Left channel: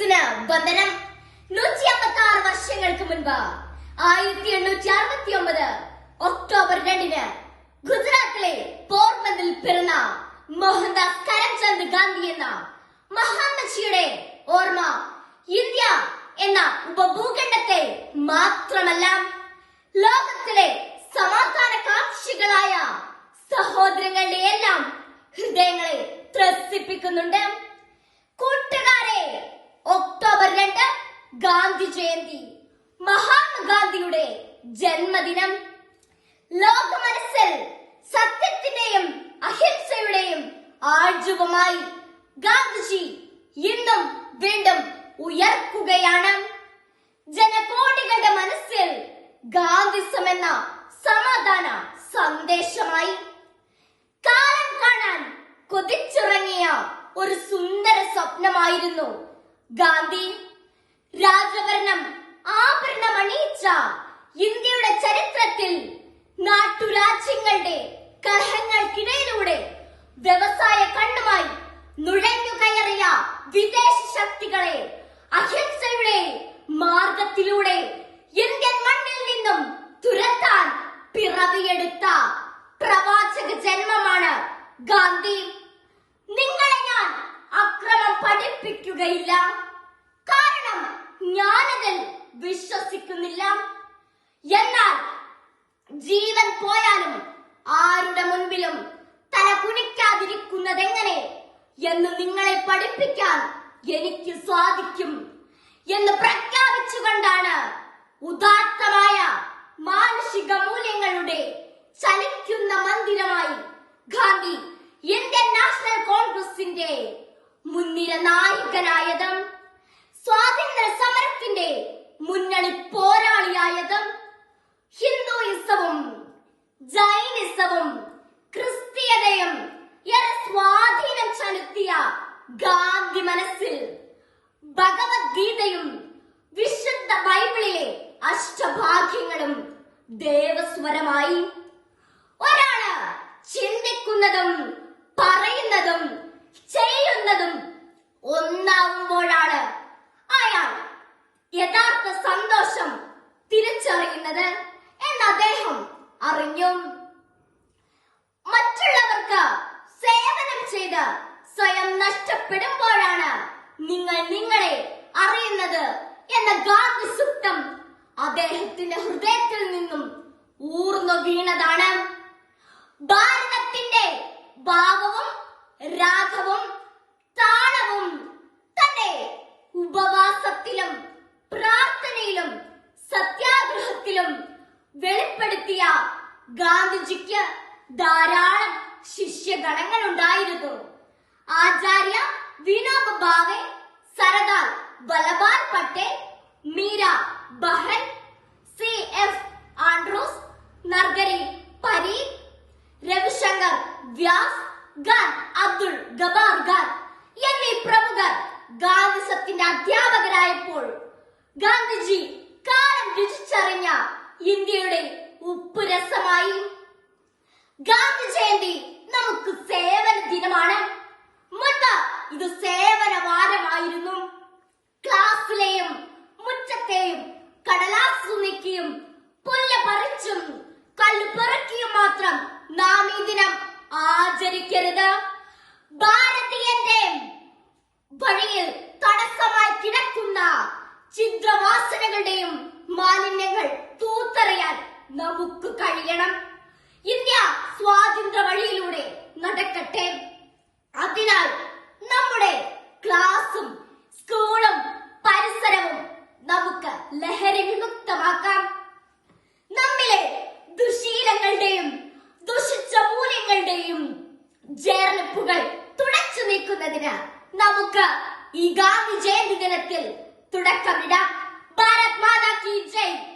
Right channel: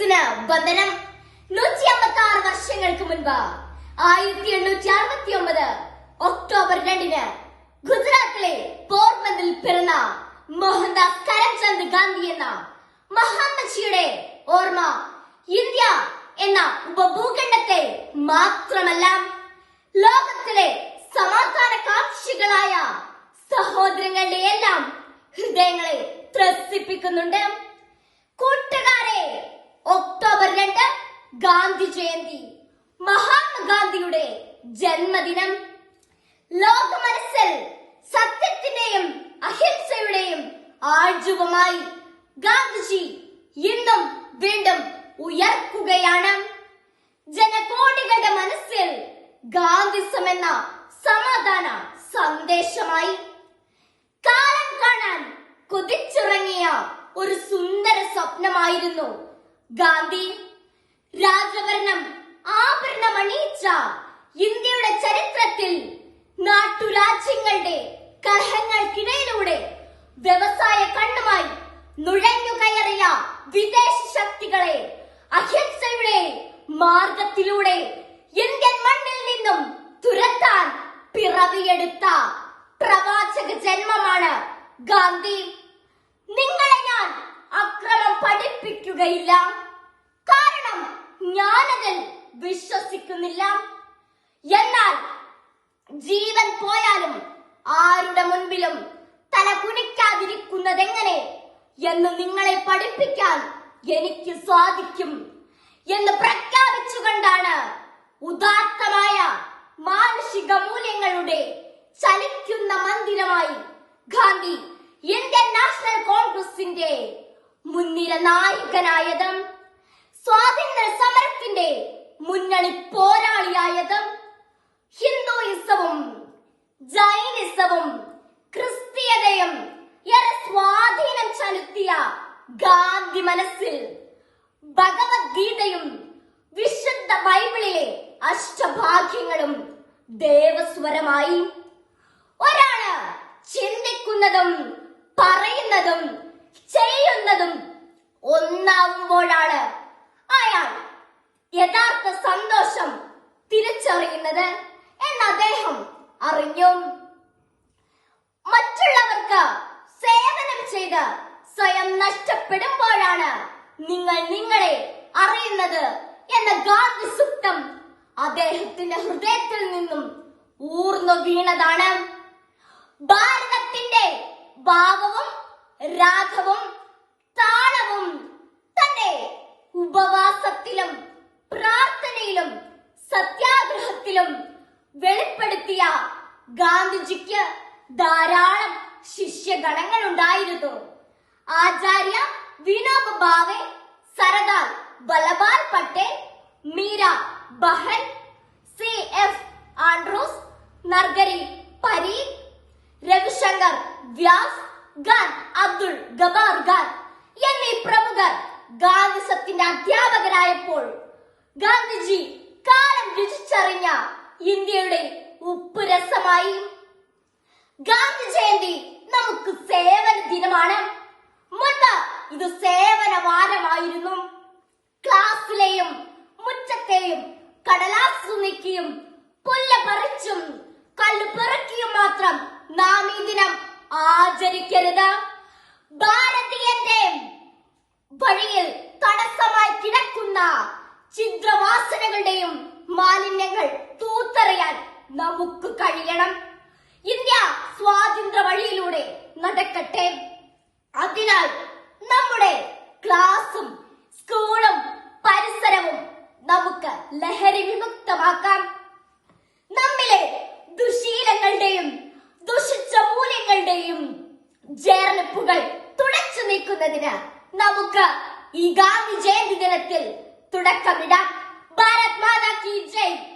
കോൺഗ്രസിന് വന്ദനം. നൂറ്റി അമ്പത്തി ആറ് വർഷങ്ങൾക്ക് മുൻപ് ആയിരത്തി എണ്ണൂറ്റി അറുപത്തി ഒമ്പത് ഒക്ടോബർ രണ്ടിന് ഗുജറാത്തിലെ പോർബന്ദിൽ പിറന്ന മോഹൻദാസ് കരംചന്ദ് ഗാന്ധി എന്ന മഹാമനുഷ്യയുടെ ഓർമ്മ ഇന്ത്യ എന്ന ഉപഭൂഖണ്ഡത്തെ മാത്രമല്ല ലോകത്തിലെ സമാധാന കാക്ഷികളായ സഹോദരങ്ങളുടെ എല്ലാം ഹൃദയങ്ങളെ ത്രസിപ്പിക്കുന്നുണ്ട്. കൂട്ടുകാരെ ഒക്ടോബർ രണ്ട് ഗാന്ധി ജയന്തി. മഹാത്മാഗാന്ധിയുടെ ജന്മദിനം. ലോക മനസ്സിൽ സത്യത്തിന്റെയും അഹിംസയുടെയും ആർജവമായി ഗാന്ധിജി ഇന്നും വീണ്ടും ഉയർക്കുകയാണ്. ജനകോടികളുടെ മനസ്സിൽ ഗാന്ധിസം എന്ന സമാധാന സന്ദേശമായി. കാലം കാണാൻ കൊതിച്ചിറങ്ങിയ ഒരു സുന്ദര സ്വപ്നമായിരുന്നു ഗാന്ധി രാജഭരണം ആഭരണം അണിയിച്ച ഇന്ത്യയുടെ ചരിത്രത്തിൽ നാട്ടുരാജ്യങ്ങളുടെ കലഹങ്ങൾക്കിടയിലൂടെ വ്യവസായ കണ്ണുമായി നുഴഞ്ഞു കയറിയ വിദേശ ശക്തികളെ അഹിംസയുടെ മാർഗത്തിലൂടെ ഇന്ത്യൻ മണ്ണിൽ നിന്നും തുരത്താൻ പിറവിയെടുത്ത പ്രവാചക ജന്മമാണ് ഗാന്ധി. പഠിപ്പിക്കുകയില്ല കാരണം ഞാനതിൽ വിശ്വസിക്കുന്നില്ല. എന്നാൽ ജീവൻ പോയാലും ആരുടെ മുൻപിലും തല കുനിക്കാതിരിക്കുന്നതെങ്ങനെ എന്ന് നിങ്ങളെ പഠിപ്പിക്കാൻ എനിക്ക് സാധിക്കും എന്ന് പ്രഖ്യാപിച്ചുകൊണ്ടാണ് ഉദാത്തമായ മാനുഷിക മൂല്യങ്ങളുടെ ചലിക്കുന്ന മന്ദിരമായി ഗാന്ധി ഇന്ത്യൻ നാഷണൽ കോൺഗ്രസിന്റെ മുൻനിര നായകനായതും സ്വാതന്ത്ര്യ സമരത്തിന്റെ മുന്നണി പോരാളിയായതും ഹിന്ദുയിസവും ജൈനിസവും ക്രിസ്തീയതയും ഏറെ സ്വാധീനം ചെലുത്തിയ ഗാന്ധി മനസ്സിൽ ഭഗവത്ഗീതയും വിശുദ്ധ ബൈബിളിലെ അഷ്ടഭാഗ്യങ്ങളും ദേവസ്വരമായി. ഒരാൾ ചിന്തിക്കുന്നതും തിരിച്ചറിയുന്നത് എന്ന് അദ്ദേഹം അറിഞ്ഞു. മറ്റുള്ളവർക്ക് സേവനം ചെയ്ത് സ്വയം നഷ്ടപ്പെടുമ്പോഴാണ് നിങ്ങൾ നിങ്ങളെ അറിയുന്നത് എന്ന ഗാന്ധി സുക്തം അദ്ദേഹത്തിന്റെ ഹൃദയത്തിൽ നിന്നും ഊർന്നു വീണതാണ്. ഭാരതത്തിന്റെ ഭാവവും രാഗവും താളവും തന്റെ ഉപവാസത്തിലും സത്യാഗ്രഹത്തിലും വെളിപ്പെടുത്തിയ ഗാന്ധിജിക്ക് ധാരാളം ശിഷ്യഗണങ്ങൾ ഉണ്ടായിരുന്നു. Acharya Vinoba Bhave Sardar Vallabhbhai Patel Meera Behn C F Andrews Narhari Parikh Ravishankar Vyas Khan Abdul Ghaffar Khan എന്നീ പ്രമുഖർ ഗാന്ധി സത്തിന്റെ അധ്യാപകരായപ്പോൾ ഗാന്ധിജി കാലം രുചിച്ചറിഞ്ഞ ഇന്ത്യയുടെ ഉപ്പുരസമായി ഗാന്ധി ജയന്തി നമുക്ക് സേവന ദിനമാണ്. മുൻപ് ഇത് സേവന വാരമായിരുന്നു. ക്ലാസ്സിലെയും മുറ്റത്തെയും കടലാസ് നീക്കിയും പുല്ല് പറിച്ചും കല്ല് പറക്കിയും മാത്രം നാം ഈ ദിനം ആചരിക്കരുത്. ഭാരതീയന്റെ വഴിയിൽ ഛിദ്രവാസനകളുടെയും മാലിന്യങ്ങൾ തൂത്തെറിയാൻ നമുക്ക് കഴിയണം. ഇന്ത്യ സ്വാതന്ത്ര്യ വഴിയിലൂടെ നടക്കട്ടെ. അതിനാൽ നമ്മുടെ ക്ലാസും സ്കൂളും പരിസരവും നമുക്ക് ലഹരി വിമുക്തമാക്കാം. നമ്മിലെ ദുശീലങ്ങളുടെയും ദുഷിച്ച മൂല്യങ്ങളുടെയും ജേർണിപ്പുകൾ തുടച്ചു നീക്കുന്നതിന് നമുക്ക് ഈ ഗാന്ധി ജയന്തി ദിനത്തിൽ തുടക്കമിടാം. Mother King James.